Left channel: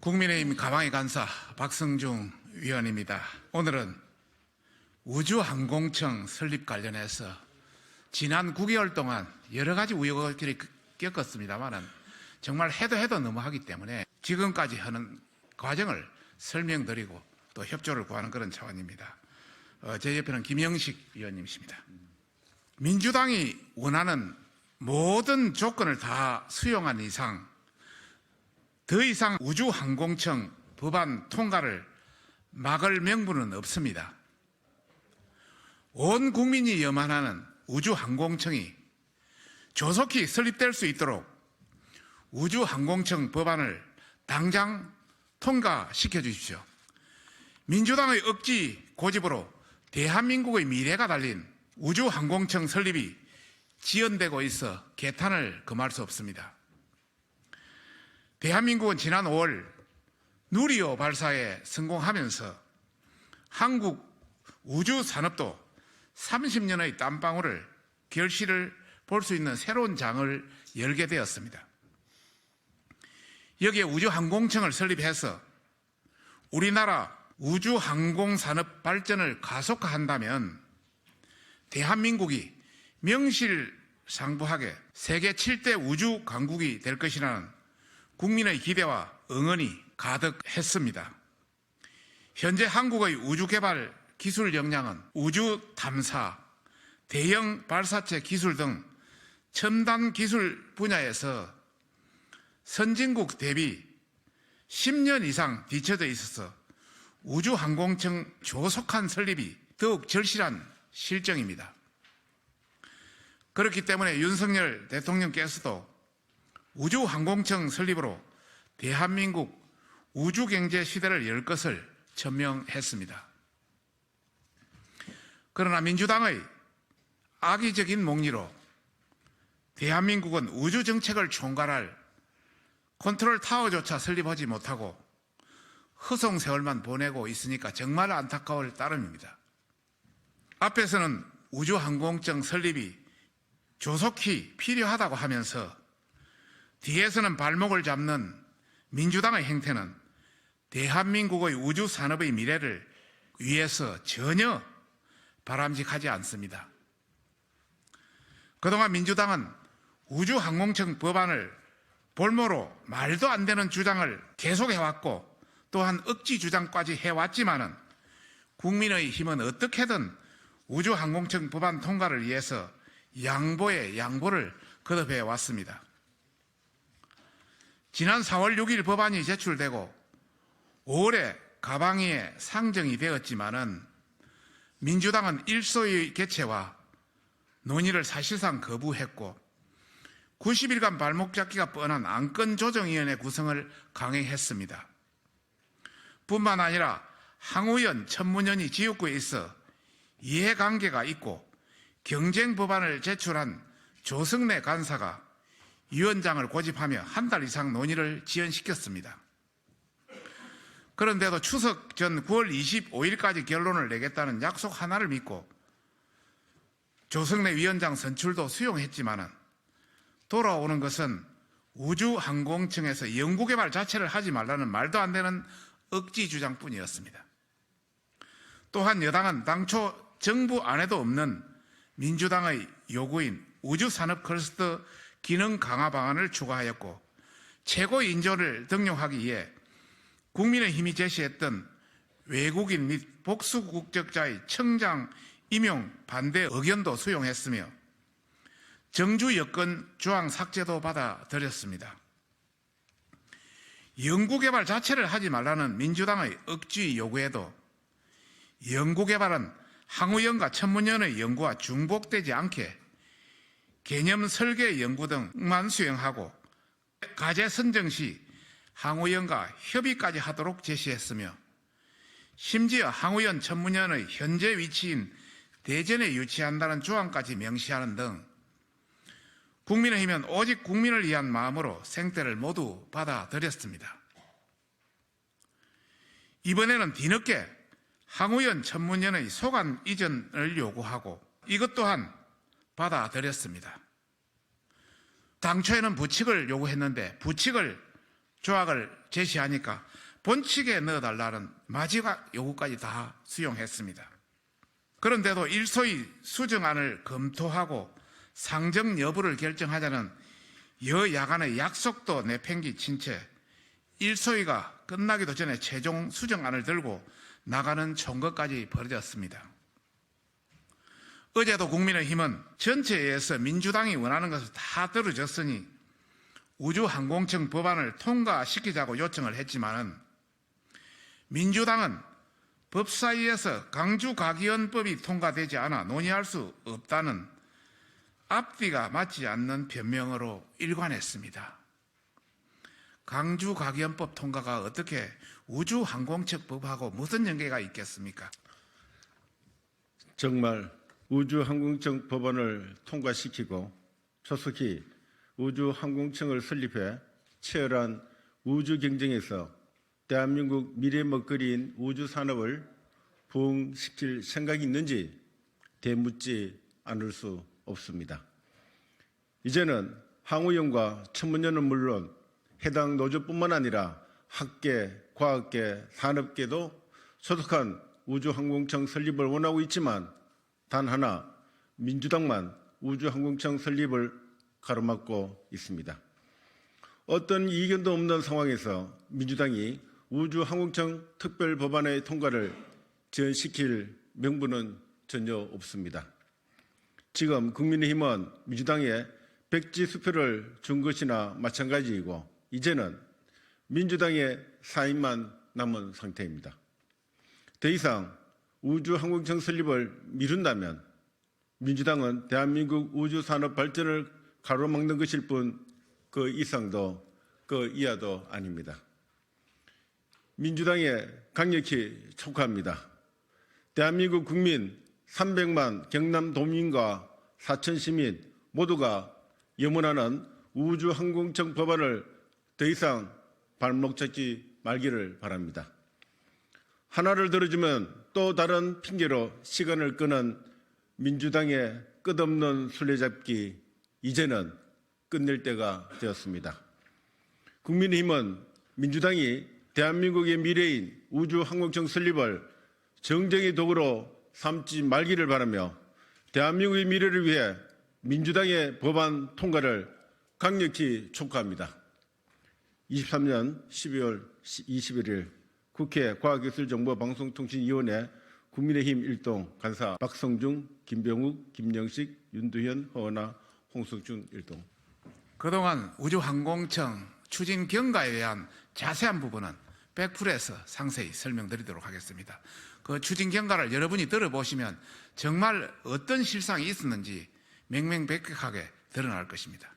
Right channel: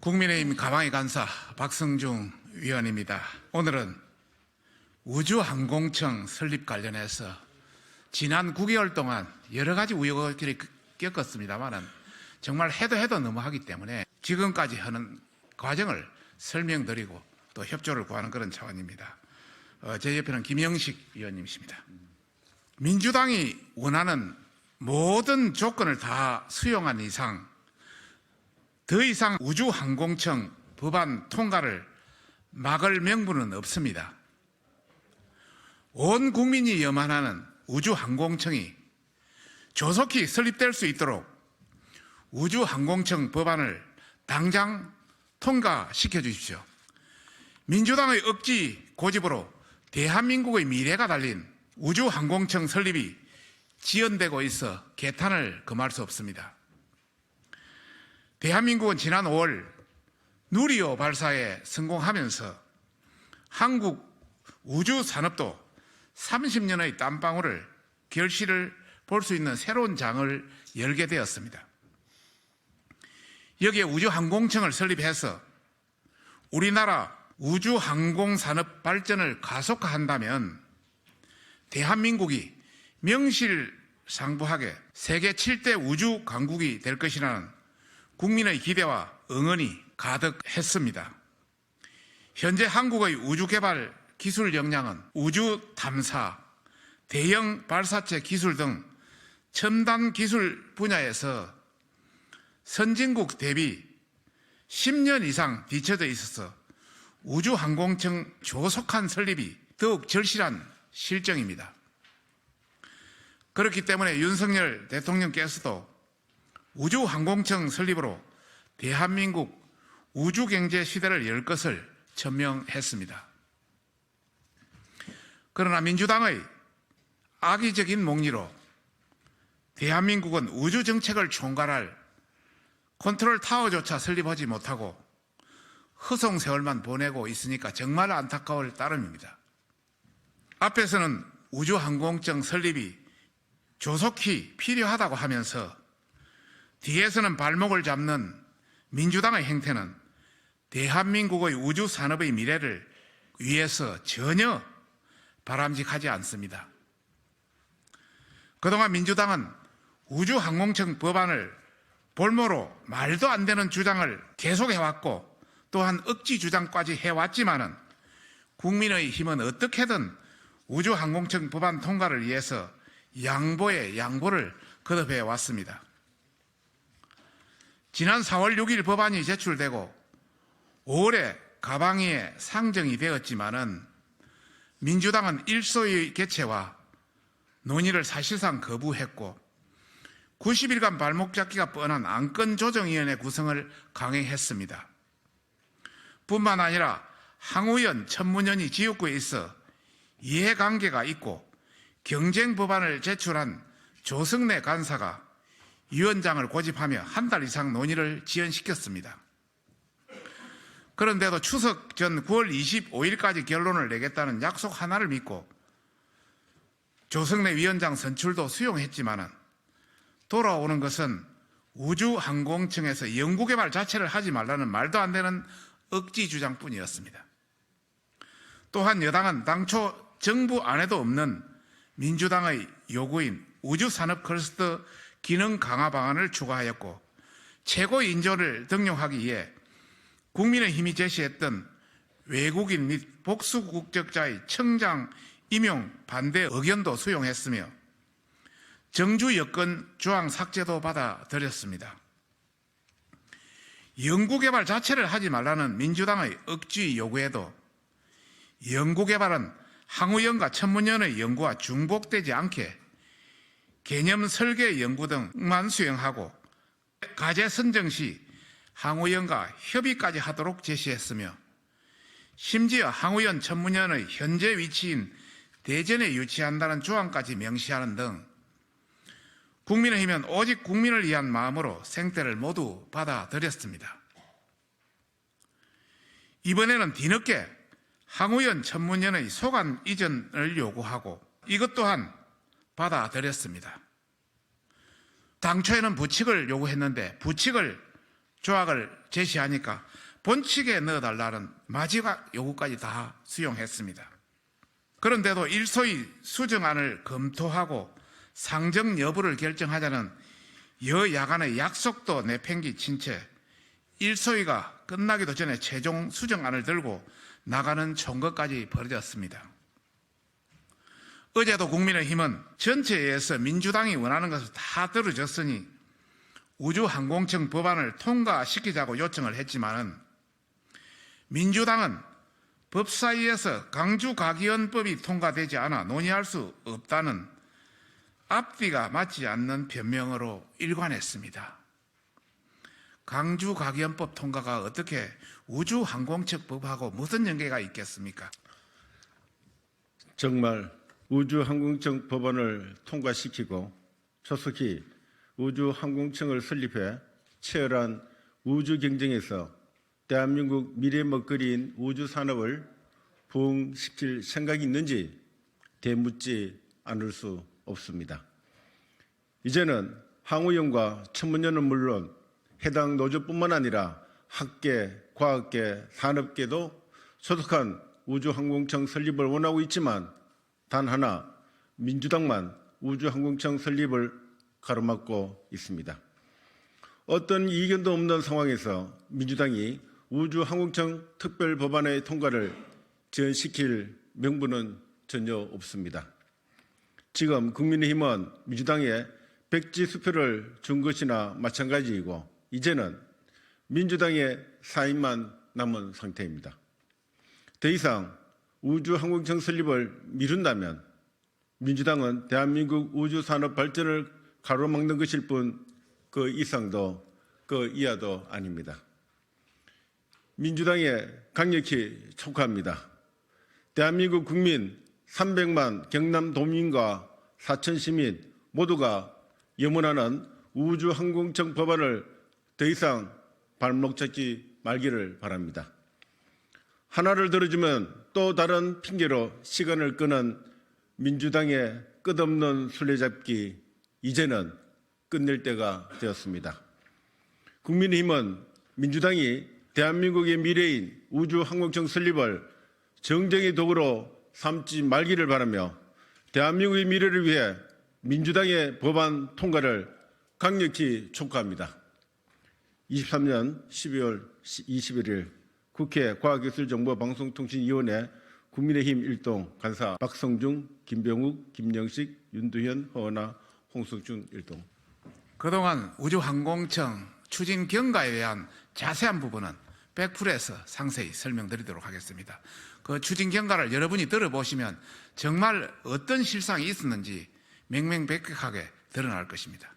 국민의힘 가방의 간사 박성중 위원입니다. 오늘은 우주항공청 설립 관련해서 지난 9개월 동안 여러 가지 우여곡절이 겪었습니다만은 정말 해도 해도 너무하기 때문에 지금까지 하는 과정을 설명드리고 또 협조를 구하는 그런 차원입니다. 어, 제 옆에는 김영식 위원님이십니다. 민주당이 원하는 모든 조건을 다 수용한 이상 더 이상 우주항공청 법안 통과를 막을 명분은 없습니다. 온 국민이 염원하는 우주항공청이 조속히 설립될 수 있도록 우주항공청 법안을 당장 통과시켜 주십시오. 민주당의 억지 고집으로 대한민국의 미래가 달린 우주항공청 설립이 지연되고 있어 개탄을 금할 수 없습니다. 대한민국은 지난 5월 누리호 발사에 성공하면서 한국 우주 산업도 30년의 땀방울을 결실을 볼 수 있는 새로운 장을 열게 되었습니다. 여기에 우주항공청을 설립해서 우리나라 우주항공산업 발전을 가속화한다면 대한민국이 명실상부하게 세계 7대 우주 강국이 될 것이라는 국민의 기대와 응원이 가득했습니다. 현재 한국의 우주개발 기술 역량은 우주 탐사, 대형 발사체 기술 등 첨단 기술 분야에서 선진국 대비 10년 이상 뒤처져 있어서 우주항공청 조속한 설립이 더욱 절실한 실정입니다. 그렇기 때문에 윤석열 대통령께서도 우주항공청 설립으로 대한민국 우주경제 시대를 열 것을 천명했습니다. 그러나 민주당의 악의적인 목리로 대한민국은 우주정책을 총괄할 컨트롤 타워조차 설립하지 못하고 허송 세월만 보내고 있으니까 정말 안타까울 따름입니다. 앞에서는 우주항공청 설립이 조속히 필요하다고 하면서 뒤에서는 발목을 잡는 민주당의 행태는 대한민국의 우주 산업의 미래를 위해서 전혀 바람직하지 않습니다. 그동안 민주당은 우주항공청 법안을 볼모로 말도 안 되는 주장을 계속해왔고 또한 억지 주장까지 해왔지만은 국민의 힘은 어떻게든 우주항공청 법안 통과를 위해서 양보에 양보를 거듭해 왔습니다. 지난 4월 6일 법안이 제출되고 5월에 가방위에 상정이 되었지만은 민주당은 일소의 개최와 논의를 사실상 거부했고 90일간 발목 잡기가 뻔한 안건 조정위원회 구성을 강행했습니다. 뿐만 아니라 항우연 천문연이 지역구에 있어 이해관계가 있고 경쟁 법안을 제출한 조승래 간사가 위원장을 고집하며 한 달 이상 논의를 지연시켰습니다. 그런데도 추석 전 9월 25일까지 결론을 내겠다는 약속 하나를 믿고 조승래 위원장 선출도 수용했지만은 돌아오는 것은 우주항공청에서 연구개발 자체를 하지 말라는 말도 안 되는 억지 주장뿐이었습니다. 또한 여당은 당초 정부 안에도 없는 민주당의 요구인 우주산업 클러스터 기능 강화 방안을 추가하였고 최고 인조를 등용하기 위해 국민의힘이 제시했던 외국인 및 복수 국적자의 청장 임용 반대 의견도 수용했으며 정주 여건 조항 삭제도 받아들였습니다. 연구개발 자체를 하지 말라는 민주당의 억지 요구에도 연구개발은 항우연과 천문연의 연구와 중복되지 않게 개념 설계 연구 등만 수행하고 과제 선정 시 항우연과 협의까지 하도록 제시했으며 심지어 항우연 천문연의 현재 위치인 대전에 유치한다는 조항까지 명시하는 등 국민의힘은 오직 국민을 위한 마음으로 생태를 모두 받아들였습니다. 이번에는 뒤늦게 항우연 천문연의 소관 이전을 요구하고 이것 또한 받아들였습니다. 당초에는 부칙을 요구했는데 부칙을 조항을 제시하니까 본칙에 넣어달라는 마지막 요구까지 다 수용했습니다. 그런데도 일소위 수정안을 검토하고 상정 여부를 결정하자는 여야간의 약속도 내팽개친 채 일소위가 끝나기도 전에 최종 수정안을 들고 나가는 총거까지 벌어졌습니다. 어제도 국민의힘은 전체에서 민주당이 원하는 것을 다 들어줬으니 우주항공청 법안을 통과시키자고 요청을 했지만은 민주당은 법사위에서 강주가기원법이 통과되지 않아 논의할 수 없다는 앞뒤가 맞지 않는 변명으로 일관했습니다. 강주가기원법 통과가 어떻게 우주항공청법하고 무슨 연계가 있겠습니까? 정말 우주항공청 법안을 통과시키고 조속히 우주항공청을 설립해 치열한 우주 경쟁에서 대한민국 미래 먹거리인 우주 산업을 부흥시킬 생각이 있는지 되묻지 않을 수 없습니다. 이제는 항우연과 천문연은 물론 해당 노조뿐만 아니라 학계, 과학계, 산업계도 소속한 우주항공청 설립을 원하고 있지만 단 하나 민주당만 우주항공청 설립을 가로막고 있습니다. 어떤 이견도 없는 상황에서 민주당이 우주항공청 특별 법안의 통과를 지연시킬 명분은 전혀 없습니다. 지금 국민의힘은 민주당에 백지 수표를 준 것이나 마찬가지이고 이제는 민주당의 사인만 남은 상태입니다. 더 이상 우주항공청 설립을 미룬다면 민주당은 대한민국 우주산업 발전을 가로막는 것일 뿐 그 이상도 그 이하도 아닙니다. 민주당에 강력히 촉구합니다. 대한민국 국민 300만 경남 도민과 사천 시민 모두가 염원하는 우주항공청 법안을 더 이상 발목 잡지 말기를 바랍니다. 하나를 들어주면 또 다른 핑계로 시간을 끄는 민주당의 끝없는 술래잡기 이제는 끝낼 때가 되었습니다. 국민의힘은 민주당이 대한민국의 미래인 우주항공청 설립을 정쟁의 도구로 삼지 말기를 바라며 대한민국의 미래를 위해 민주당의 법안 통과를 강력히 촉구합니다. 23년 12월 21일 국회 과학기술정보방송통신위원회 국민의힘 일동 간사 박성중, 김병욱, 김영식, 윤두현, 허은아, 홍석준 일동. 그동안 우주항공청 추진 경과에 대한 자세한 부분은 100%에서 상세히 설명드리도록 하겠습니다. 그 추진 경과를 여러분이 들어보시면 정말 어떤 실상이 있었는지 명명백백하게 드러날 것입니다.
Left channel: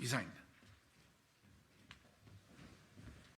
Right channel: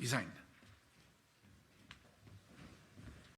이상입니다.